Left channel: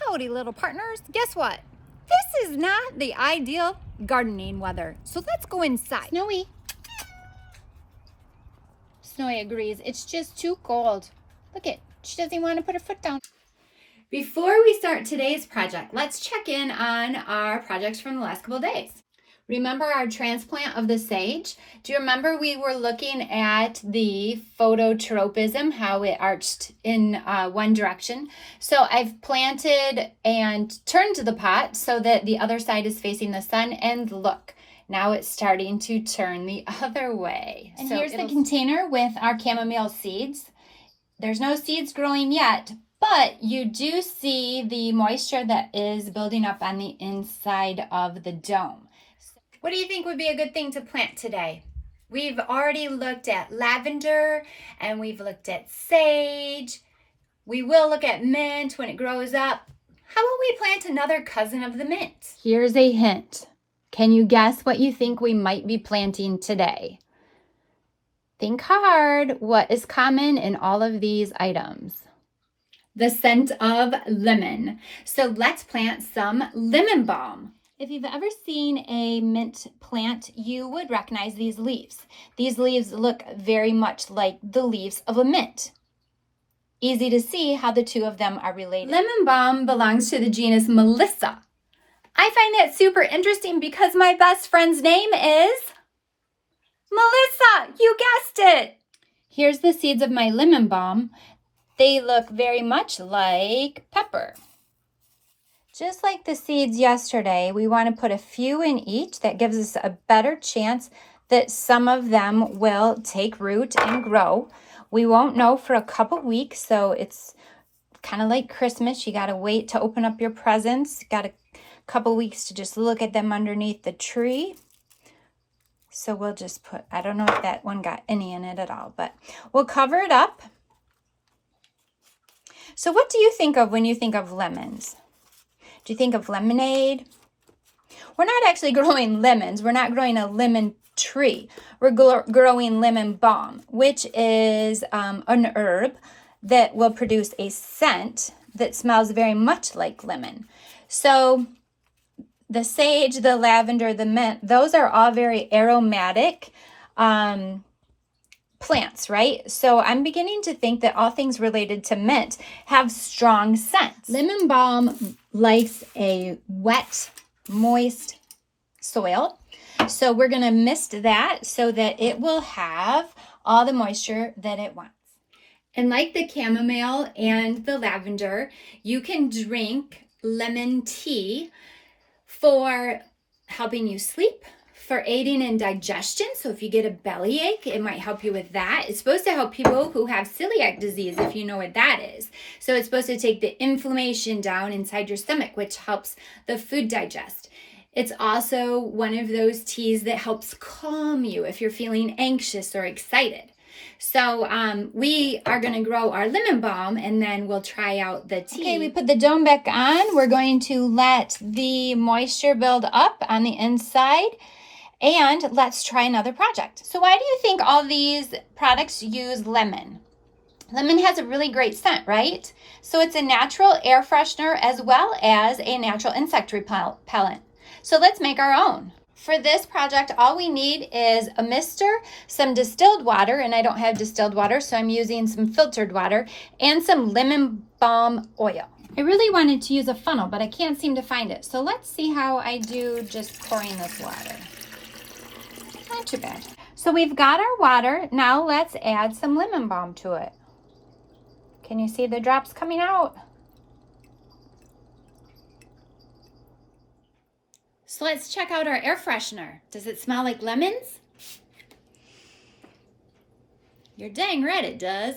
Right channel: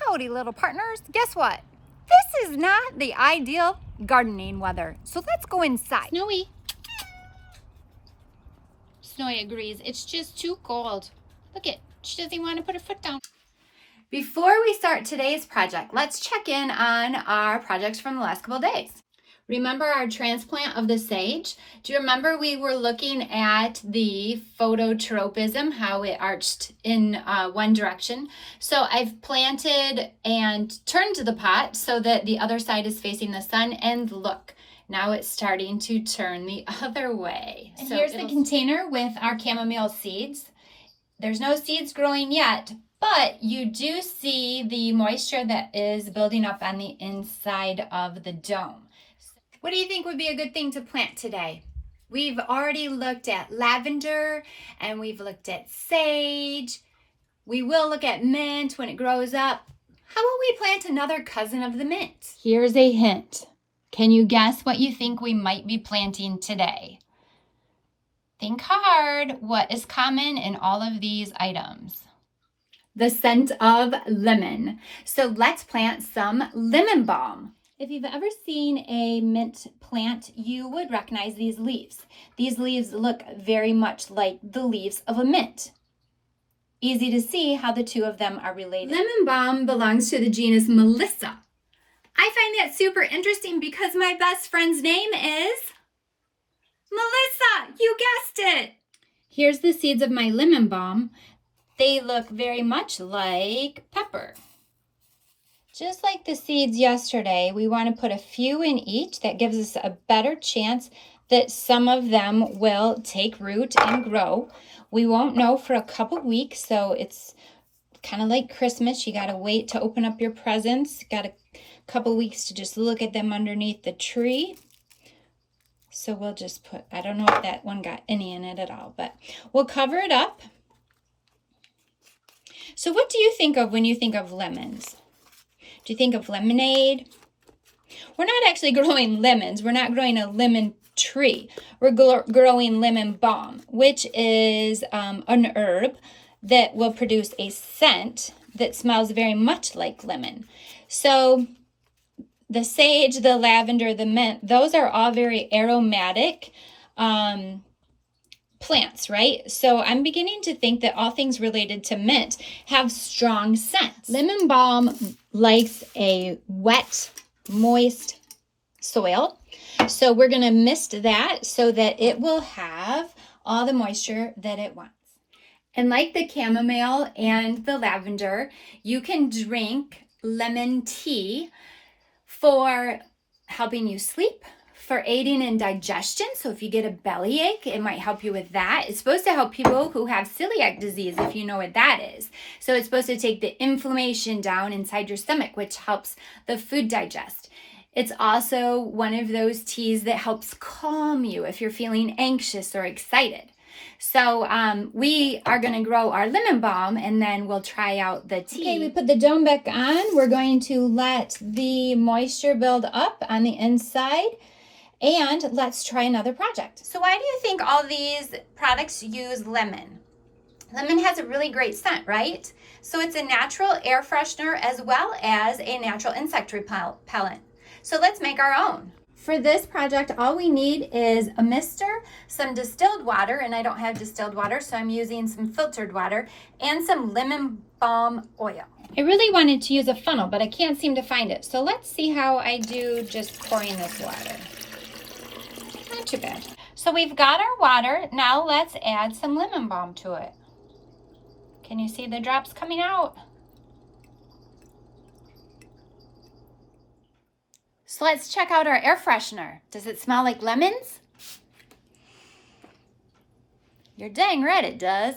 Howdy, little partners. Guess what? This is not the ideal gardening weather. So let's go inside. Snowy. Snowy agrees. It's just too cold. Look it. She doesn't want to put her foot down. Before we start today's project, let's check in on our projects from the last couple of days. Remember our transplant of the sage? Do you remember we were looking at the phototropism, how it arched in one direction? So I've planted and turned the pot so that the other side is facing the sun, and look, now it's starting to turn the other way. And so here's the container with our chamomile seeds. There's no seeds growing yet, but you do see the moisture that is building up on the inside of the dome. What do you think would be a good thing to plant today? We've already looked at lavender and we've looked at sage. We will look at mint when it grows up. How about we plant another cousin of the mint? Here's a hint. Can you guess what you think we might be planting today? Think hard. What is common in all of these items? The scent of lemon. So let's plant some lemon balm. If you've ever seen a mint plant, you would recognize these leaves. These leaves look very much like the leaves of a mint. Easy to see how the two of them are related. Lemon balm belongs to the genus Melissa. I find that super interesting because my best friend's name is Melissa. You guessed it. Here's the seeds of my lemon balm. They look very much like pepper. Just like the seeds yesterday, we want to put a few in each. That gives us a better chance that some of them will take root and grow. We won't know for a couple weeks, so it's kind of like Christmas. You got to wait to open up your presents. Got a couple weeks to just look at them underneath the tree. So we'll just put, I don't know if that one got any in it at all, but we'll cover it up. So what do you think of when you think of lemons? Do you think of lemonade? We're not actually growing lemons. We're not growing a lemon tree. We're growing lemon balm, which is an herb that will produce a scent that smells very much like lemon. So the sage, the lavender, the mint, those are all very aromatic plants, right? So I'm beginning to think that all things related to mint have strong scents. Lemon balm likes a wet, moist soil. So we're going to mist that so that it will have all the moisture that it wants. And like the chamomile and the lavender, you can drink lemon tea for helping you sleep, for aiding in digestion. So if you get a bellyache, it might help you with that. It's supposed to help people who have celiac disease, if you know what that is. So it's supposed to take the inflammation down inside your stomach, which helps the food digest. It's also one of those teas that helps calm you if you're feeling anxious or excited. So we are going to grow our lemon balm and then we'll try out the tea. Okay, we put the dome back on. We're going to let the moisture build up on the inside. And let's try another project. So why do you think all these products use lemon? Lemon has a really great scent, right? So it's a natural air freshener as well as a natural insect repellent. So let's make our own. For this project, all we need is a mister, some distilled water, and I don't have distilled water, so I'm using some filtered water, and some lemon balm oil. I really wanted to use a funnel, but I can't seem to find it. So let's see how I do just pouring this water. Not too bad. So we've got our water. Now let's add some lemon balm to it. Can you see the drops coming out? So let's check out our air freshener. Does it smell like lemons? You're dang right it does.